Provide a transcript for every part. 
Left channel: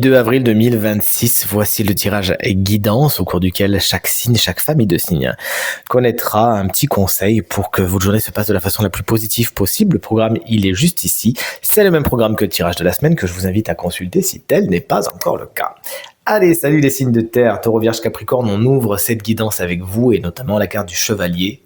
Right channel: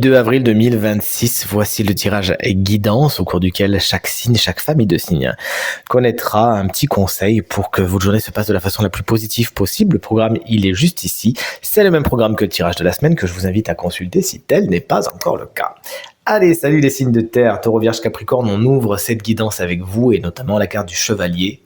2 avril 2026, voici le tirage guidance au cours duquel chaque signe, chaque famille de signes connaîtra un petit conseil pour que votre journée se passe de la façon la plus positive possible. Le programme, il est juste ici. C'est le même programme que le tirage de la semaine que je vous invite à consulter si tel n'est pas encore le cas. Allez, salut les signes de terre, Taureau, Vierge, Capricorne, on ouvre cette guidance avec vous et notamment la carte du chevalier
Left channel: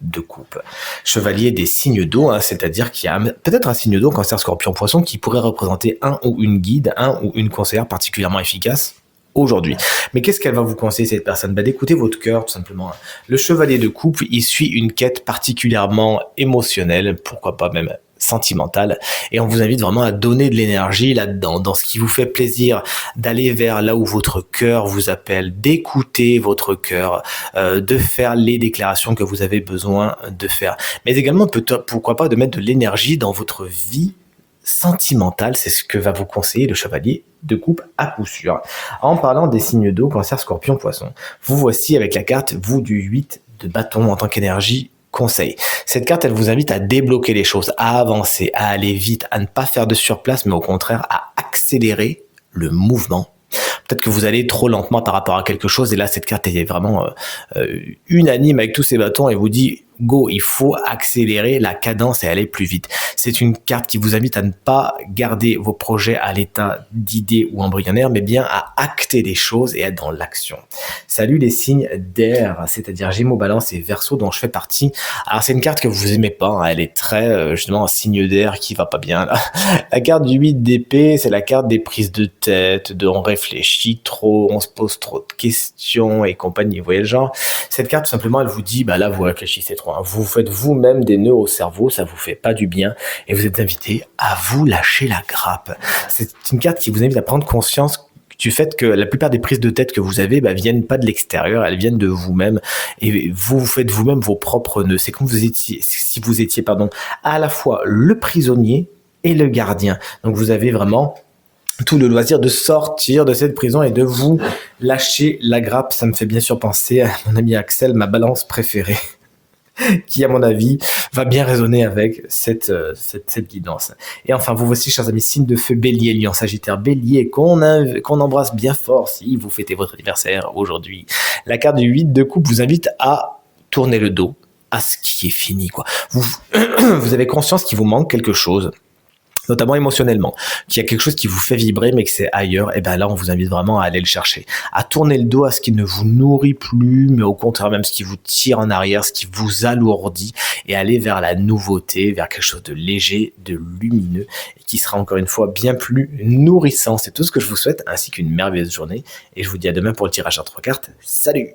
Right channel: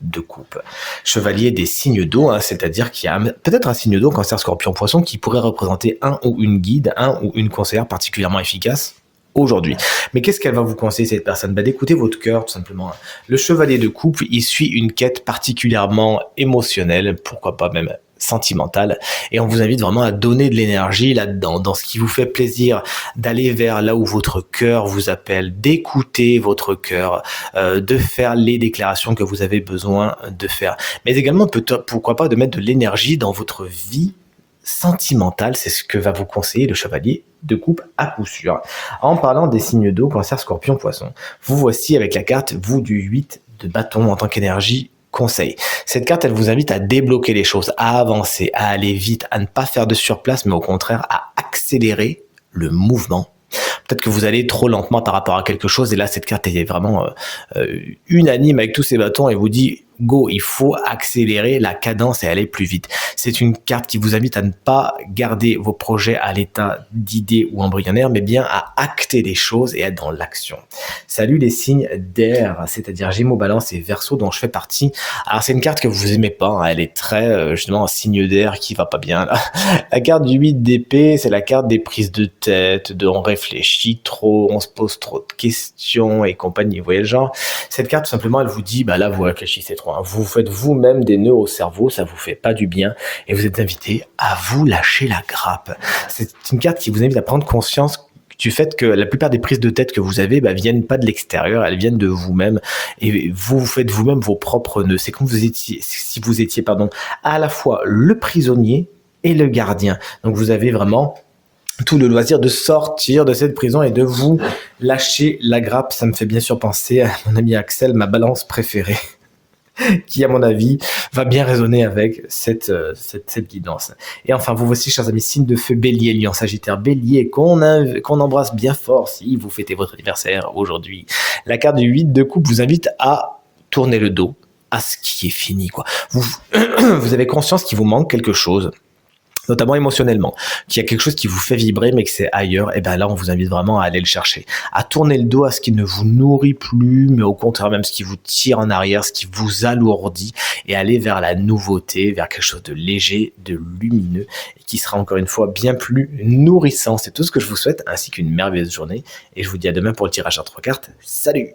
de coupe. Chevalier des signes d'eau, c'est-à-dire qu'il y a peut-être un signe d'eau, Cancer, Scorpion, Poisson, qui pourrait représenter un ou une guide, un ou une conseillère particulièrement efficace aujourd'hui. Mais qu'est-ce qu'elle va vous conseiller, cette personne? D'écouter votre cœur, tout simplement. Le chevalier de coupe, il suit une quête particulièrement émotionnelle, pourquoi pas même sentimentale, et on vous invite vraiment à donner de l'énergie là-dedans, dans ce qui vous fait plaisir, d'aller vers là où votre cœur vous appelle, d'écouter votre cœur, de faire les déclarations que vous avez besoin de faire, mais également pourquoi pas de mettre de l'énergie dans votre vie sentimentale. C'est ce que va vous conseiller le chevalier de coupe à coup sûr. En parlant des signes d'eau, Cancer, Scorpion, Poisson, vous voici avec la carte, vous, du 8 de bâton en tant qu'énergie conseil. Cette carte, elle vous invite à débloquer les choses, à avancer, à aller vite, à ne pas faire de surplace, mais au contraire à accélérer le mouvement. Peut-être que vous allez trop lentement par rapport à quelque chose, et là, cette carte est vraiment unanime avec tous ces bâtons et vous dit go, il faut accélérer la cadence et aller plus vite. C'est une carte qui vous invite à ne pas garder vos projets à l'état d'idées ou embryonnaire, mais bien à acter les choses et être dans l'action. Salut les signes d'air, c'est-à-dire Gémeaux, Balance et Verseau, dont je fais partie. Alors c'est une carte que vous aimez pas, elle est très justement un signe d'air qui va pas bien là. La carte du 8 d'épée, c'est la carte des prises de tête, de on réfléchit trop, on se pose trop de questions et compagnie. Vous voyez le genre? Cette carte, tout simplement, elle vous dit, bah là, vous réfléchissez trop. Vous faites vous-même des nœuds au cerveau, ça vous fait pas du bien, et vous êtes invité à vous lâcher la grappe. C'est une carte qui vous invite à prendre conscience du fait que la plupart des prises de tête que vous avez viennent pas de l'extérieur, elles viennent de vous-même, et vous faites vous-même vos propres nœuds. C'est comme si vous étiez à la fois le prisonnier et le gardien. Donc vous avez vraiment tout le loisir de sortir de cette prison et de vous lâcher la grappe. Ça me fait bien sûr penser à mon ami Axel, ma balance préférée, qui, à mon avis, va bien résonner avec cette guidance. Et enfin, vous voici, chers amis, signe de feu, Bélier, Lion, Sagittaire, Bélier, qu'on embrasse bien fort si vous fêtez votre anniversaire aujourd'hui. La carte du 8 de coupe vous invite à tourner le dos à ce qui est fini, quoi. Vous avez conscience qu'il vous manque quelque chose, notamment émotionnellement, qu'il y a quelque chose qui vous fait vibrer mais que c'est ailleurs, et bien là on vous invite vraiment à aller le chercher, à tourner le dos à ce qui ne vous nourrit plus, mais au contraire même ce qui vous tire en arrière, ce qui vous alourdit, et aller vers la nouveauté, vers quelque chose de léger, de lumineux, et qui sera encore une fois bien plus nourrissant. C'est tout ce que je vous souhaite, ainsi qu'une merveilleuse journée, et je vous dis à demain pour le tirage à 3 cartes. Salut!